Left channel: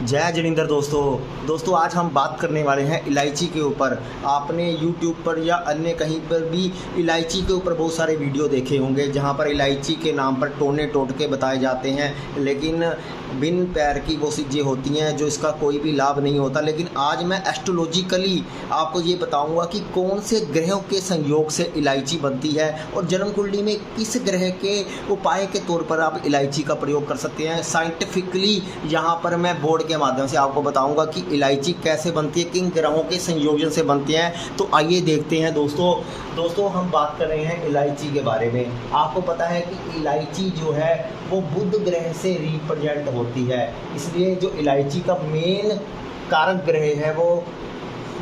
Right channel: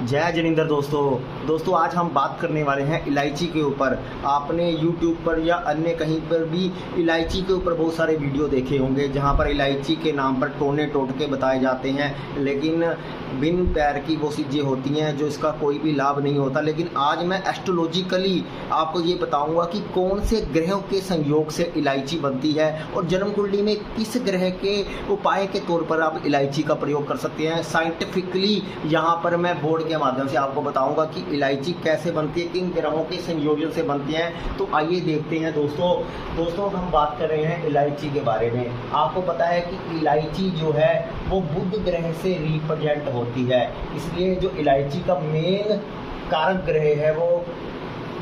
जय जिनेंद्र दोस्तों आज हम बात करने वाले हैं इलायची के ऊपर। आपने YouTube पर या अन्य कहीं पर भी इलायची के ऊपर बहुत सारे वीडियो देखे होंगे जहां पर इलायची के नाम पर टोने टोटके बताए जाते हैं, लेकिन बिन पैर की वो चीज़ें होती हैं जो इसका कोई भी लाभ नहीं होता। लेकिन आज मैं एस्ट्रोलॉजिकली आपको ये बताऊंगा कि कौन से ग्रहों के संयोग से इलायची बनती है और जन्म कुंडली में किस ग्रह के उपाय के तौर पर आप इलायची का प्रयोग कर सकते हैं। साइंटिफिकली यहाँ पर मैं बोर्ड के माध्यम से आपको बताऊंगा कि इलायची कैसे बनती है, किन ग्रहों के संयोजन से बनती है। तो आइए देखते हैं दोस्तों हम बात कर रहे हैं इलायची के बारे में। आपको पता है कि इलायची जो है वो बुध ग्रह से रिप्रेजेंट होती है, इसलिए जो इलायची का मेन कारक ग्रह है वो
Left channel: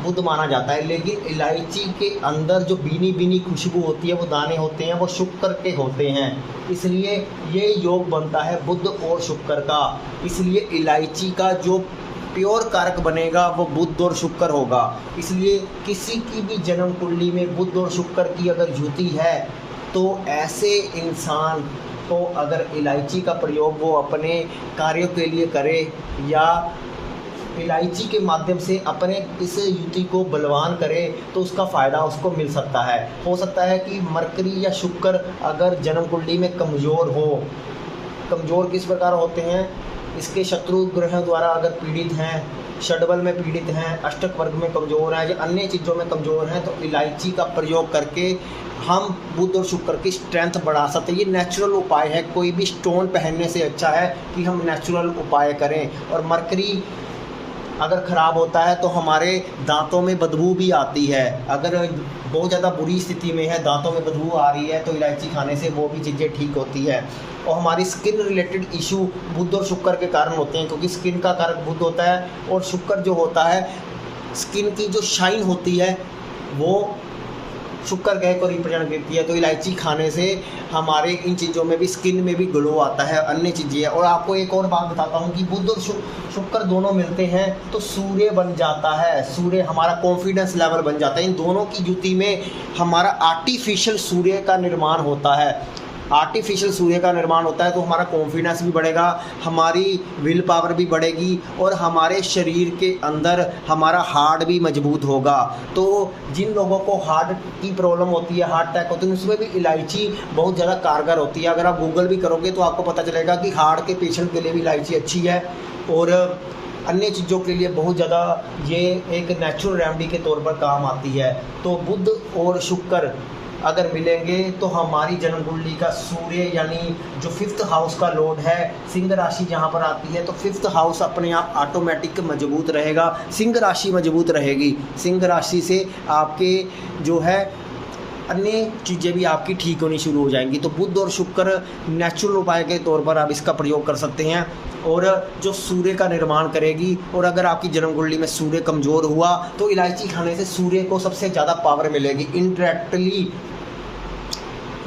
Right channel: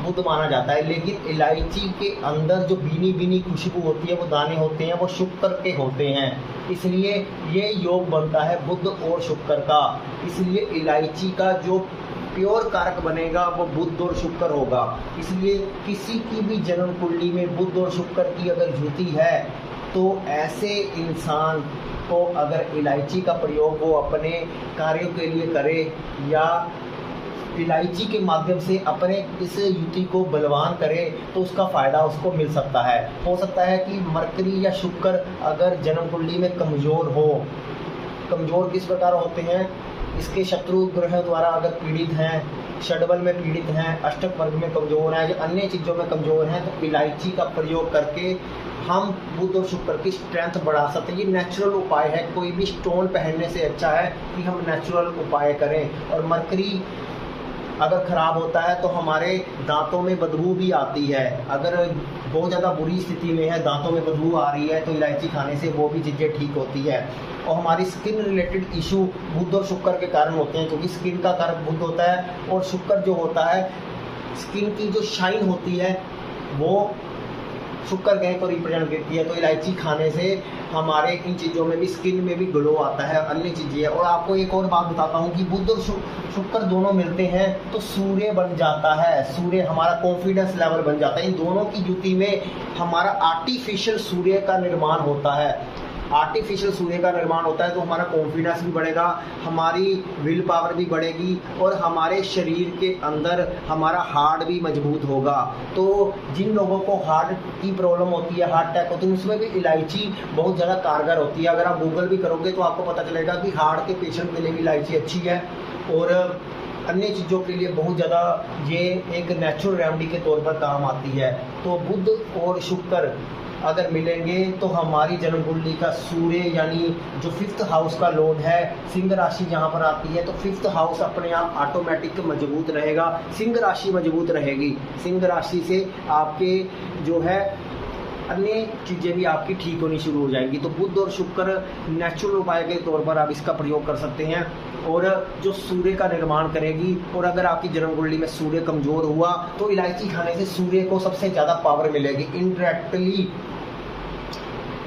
बुध माना जाता है। लेकिन इलायची के अंदर जो बीनी बीनी खुशबू होती है, वो दाने होते हैं, वो शुक्र के होते हैं, इसलिए ये योग बनता है बुध और शुक्र का। इसलिए इलायची का जो प्योर कारक बनेगा वो बुध और शुक्र होगा। इसलिए किसी की भी जन्म कुंडली में बुध और शुक्र की अगर युति है तो ऐसे इंसान को अगर इलायची का प्रयोग वो अपने कार्यों के लिए करे या इलायची के माध्यम से अपने इस युति को बलवान करे तो उसका फ़ायदा उसको मिल सकता है। हो सकता है कि मरकरी या शुक्र अगर जन्म कुंडली में कमज़ोर हो, कमज़ोर किस प्रकार होते हैं, इसके शत्रु ग्रह द्वारा अगर पीड़ित हैं, षडबल में पीड़ित हैं, अष्टक वर्ग में कमज़ोर हैं या अन्य चीज़ों में कमज़ोर हैं, तो इलायची का प्रयोग करके हम बुध और शुक्र की स्ट्रेंथ बढ़ा सकते हैं। ये नेचुरल उपाय है, कोई भी स्टोन पहनने से अच्छा है कि हम नेचुरल उपाय करें। और मरकरी अगर ख़राब होता है तो हमारे दांतों में बदबू भी आती है। अगर बहुत ज़्यादा बुरी स्थिति में है, दांतों में बदबू आ रही है, तो इलायची खाने से वो भी चीज़ें ठीक होती है। और हमारी स्किन रिलेटेड इशू बुध और शुक्र के कारण होते हैं, क्योंकि स्किन का कारक बुध होता है और शुक्र जो होता है, स्किन की जो शाइन होती है वो शुक्र ग्रह को रिप्रेजेंट करती है। तो इलायची खाने से हमारे इन चीज़ों में भी, स्किन में भी ग्लो आता है, अन्य चीज़ें। और आपको एक और बात बताता हूँ कि बुध और शुक्र दोनों मिलते हैं तो सूर्य बन जाता है, सूर्य हमारा कॉन्फिडेंस लेवल बन जाता है। इन दोनों की युति में हमारा आर्टिफिशियल सूर्य का निर्माण होता है। आर्टिफिशियल सूर्य का निर्माण होता है तो हमारा कॉन्फिडेंस भी बढ़ेगा, हमारी विल पावर भी बढ़ेगी और हमारे शरीर के अंदर हमारा हार्ट भी मजबूत होगा। तो जिन लोगों को हार्ट की प्रॉब्लम होती है, हार्ट अटैक होती है, उसमें भी इलायची बहुत ज़्यादा कारगर होती है। अगर आप गूगल भी करोगे तो आपको पता चलेगा कि हार्ट के पेशेंट के लिए भी इलायची अच्छी है और अन्य चीज़ों के लिए बहुत ज़्यादा ये एक नेचुरल रेमेडी के तौर पर काम आती है। तो बुध और शुक्र अगर मिलेंगे तो हमारी जन्म कुंडली का सूर्य यानी जो 5th हाउस का लॉर्ड है, सिंह राशि जहाँ पर आती है, तो 5th हाउस अपने आप ऑटोमेटिक मजबूत रहेगा, सिंह राशि मजबूत रहेगी। सिंह राशि से आपके जो है अन्य चीज़ें भी आपकी ठीक होनी शुरू हो जाएंगी। तो बुध और शुक्र नेचुरल उपाय के तौर पर आप इसका प्रयोग कर सकते हैं और जो सूर्य का निर्माण करेगी। और अगर आपकी जन्म कुंडली में सूर्य कमज़ोर हुआ तो इलायची खाने से सूर्य को सबसे ज़्यादा पावर मिलेगी। इनडायरेक्टली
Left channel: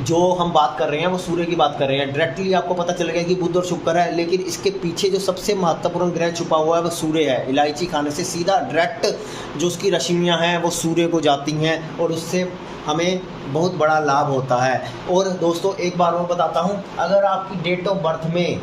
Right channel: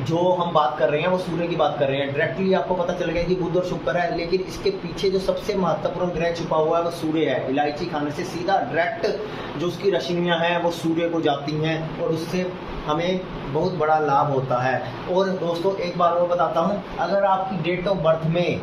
जो हम बात कर रहे हैं वो सूर्य की बात कर रहे हैं, डायरेक्टली आपको पता चलेगा कि बुध और शुक्र है, लेकिन इसके पीछे जो सबसे महत्वपूर्ण ग्रह छुपा हुआ है वो सूर्य है। इलायची खाने से सीधा डायरेक्ट जो उसकी रश्मियाँ हैं वो सूर्य को जाती हैं और उससे हमें बहुत बड़ा लाभ होता है। और दोस्तों एक बार और बताता हूँ, अगर आपकी डेट ऑफ बर्थ में,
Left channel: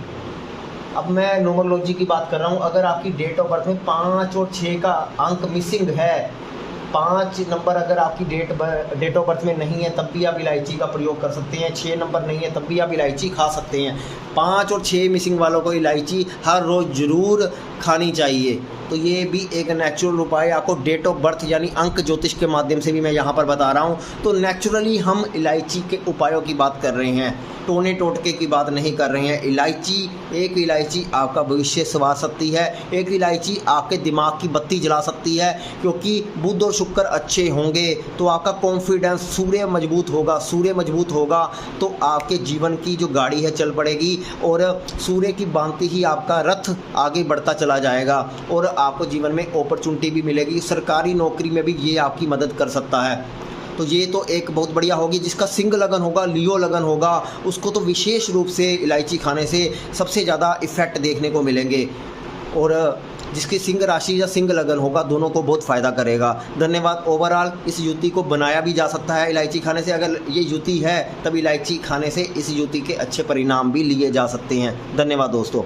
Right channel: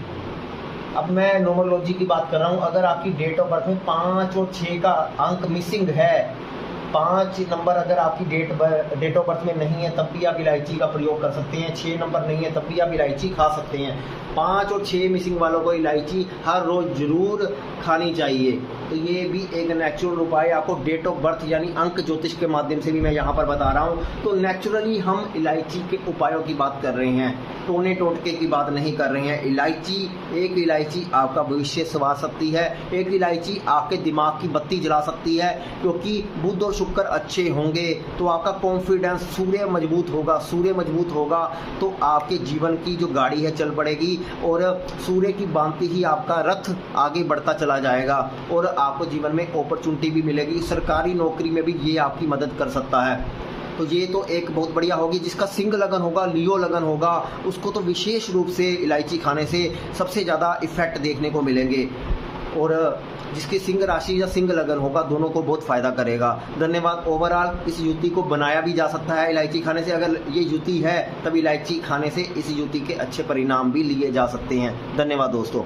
अब मैं न्यूमरोलॉजी की बात कर रहा हूँ, अगर आपकी डेट ऑफ बर्थ में 5 और 6 का अंक मिसिंग है, 5 नंबर अगर आपकी डेट ऑफ बर्थ में नहीं है तब भी आप इलायची का प्रयोग कर सकते हैं। 6 नंबर नहीं है तब भी आप इलायची खा सकते हैं। 5 और 6 मिसिंग वालों को इलायची हर रोज़ ज़रूर खानी चाहिए। तो ये भी एक नेचुरल उपाय आपको डेट ऑफ बर्थ यानी अंक ज्योतिष के माध्यम से भी मैं यहाँ पर बता रहा हूँ। तो नेचुरली हम इलायची के उपायों की बात कर रहे हैं, टोने टोटके की बात नहीं कर रहे हैं। एक इलायची आपका भविष्य संवार सकती है, एक इलायची आपके दिमाग की बत्ती जला सकती है, क्योंकि बुध और शुक्र अच्छे होंगे तो आपका कॉन्फिडेंस, सूर्य मजबूत होगा तो आपके जीवन की जो गाड़ी है चल पड़ेगी और सूर्य की बांधते ही आपका रथ आगे बढ़ता चला जाएगा और आपको जीवन में अपॉर्चुनिटी भी मिलेगी। सरकारी नौकरी में भी ये आपकी मदद कर सकता है। तो ये तो एक बहुत बढ़िया होगी। जिसका सिंह लगन होगा, लियो लगन होगा, उसको तो विशेष रूप से इलायची खाने से सबसे ज़्यादा इफ़ेक्ट देखने को मिलेंगे और जिसकी सिंह राशि या सिंह लगन होगा दोनों को बहुत फ़ायदा करेगा। धन्यवाद। ओवरऑल इस युति को बनाया भी जा सकता है इलायची खाने से। अगर ये युति है तब इलायची खाने से इस युति के अच्छे परिणाम भी लिए जा सकते हैं। धन्यवाद दोस्तों।